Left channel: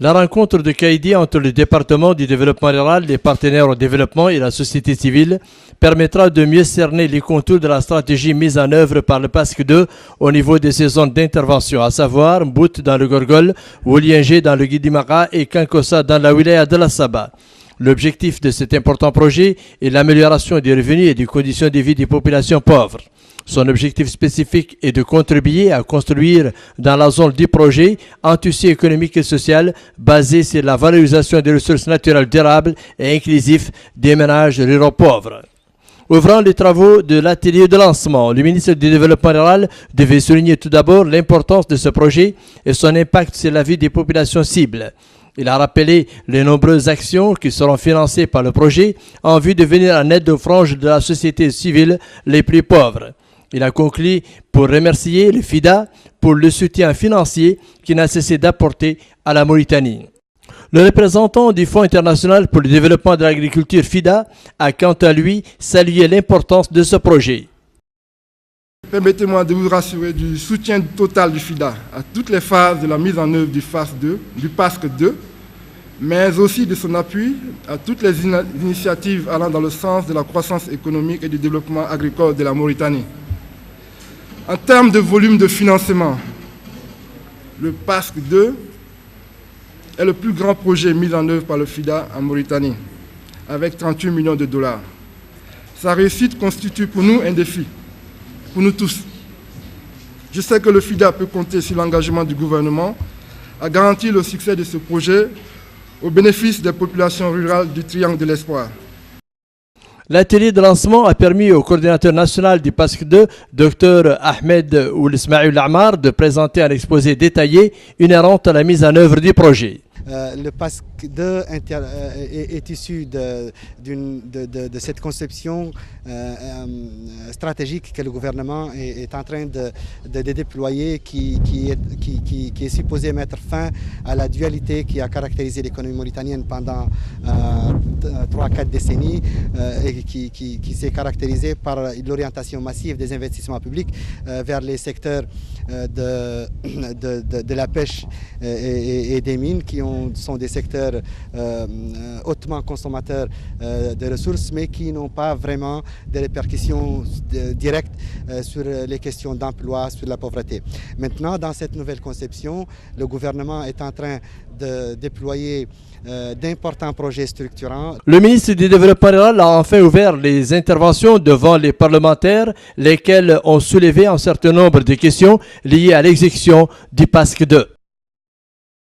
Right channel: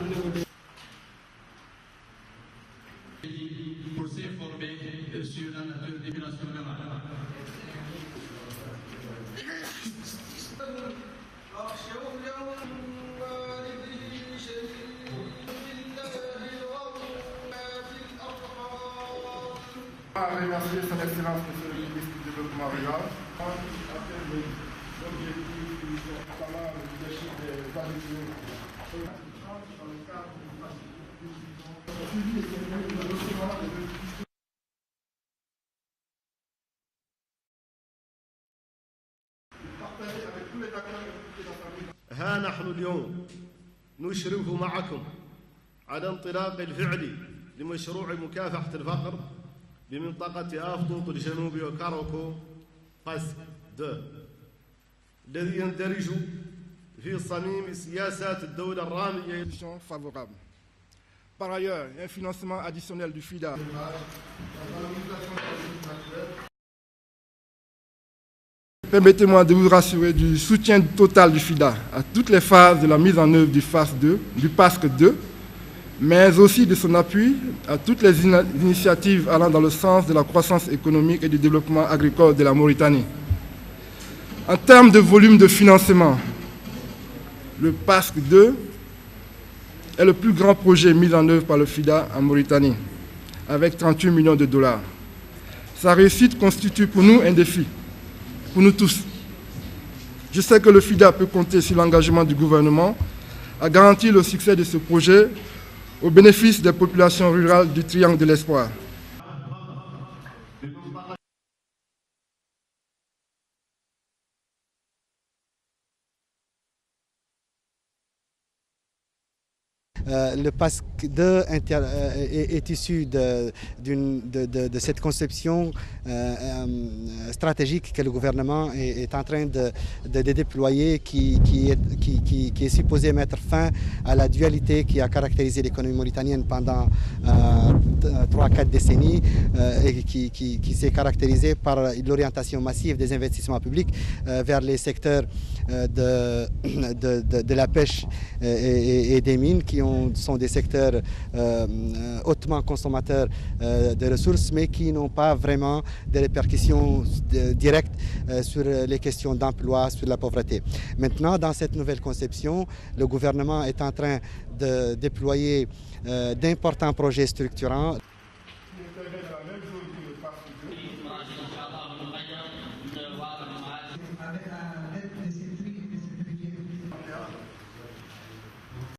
La rencontre de Kaïdi entre le département du développement rural, les partenaires au développement et la société civile permettra de mieux cerner les contours de la stratégie mise en œuvre par le PASC 2 au niveau de ses zones d'intervention, à savoir Mbout dans le Gorgol, Woliengé dans le Guidimara et Kankossa dans la wilaya de la Saba. L'objectif de cet important projet est l'amélioration des revenus et des conditions de vie des populations pauvres. Son objectif spécifique est de contribuer à construire dans la zone du projet un tissu économique et social basé sur la valorisation des ressources naturelles durables et inclusifs des ménages ruraux pauvres. Ouvrant les travaux de l'atelier de lancement, le ministre du Développement rural devait souligner tout d'abord l'importance de ce projet et son impact sur la vie des populations cibles. Il a rappelé les nombreuses actions qui seront financées par le projet en vue de venir en aide aux franges de la société civile les plus pauvres. Il a conclu pour remercier le FIDA pour le soutien financier qu'il n'a cessé d'apporter à la Mauritanie. Le représentant du Fonds international pour le développement de l'agriculture FIDA a quant à lui salué l'importance de ce projet. Permettez-moi de vous rassurer du soutien total du FIDA à toutes les phases de la mise en œuvre du PASC 2, mais aussi de son appui à toutes les initiatives allant dans le sens de la croissance économique et du développement agricole de la Mauritanie. En termes de volume de financement, le PASC 2 est le plus grand projet mis en œuvre par le FIDA en Mauritanie, avec 38 millions de dollars. Sa réussite constitue pour nous un défi, pour nous tous. Je sais que le FIDA peut compter sur l'engagement du gouvernement à garantir le succès de ce projet au bénéfice des populations rurales du Triangle de l'Espoir. L'atelier de lancement a permis au coordinateur national du PASC 2, Dr Ahmed Oul-Ismaïl Amar, de présenter un exposé détaillé inhérente à la mise en œuvre du projet. Le PASC 2 est issu de cette conception stratégique que le gouvernement est en train de déployer, qui est supposé mettre fin à la dualité qui a caractérisé l'économie mauritanienne pendant 3-4 décennies et qui s'est caractérisée par l'orientation massive des investissements publics vers les secteurs de la pêche et des mines, qui sont des secteurs hautement consommateurs de ressources, mais qui n'ont pas vraiment de répercussions directes sur les questions d'emploi, sur la pauvreté. Maintenant, dans cette nouvelle conception, le gouvernement est en train de déployer d'importants projets structurants. Le ministre du Développement rural a enfin ouvert les interventions devant les parlementaires, lesquels ont soulevé un certain nombre de questions liées à l'exécution du PASC 2.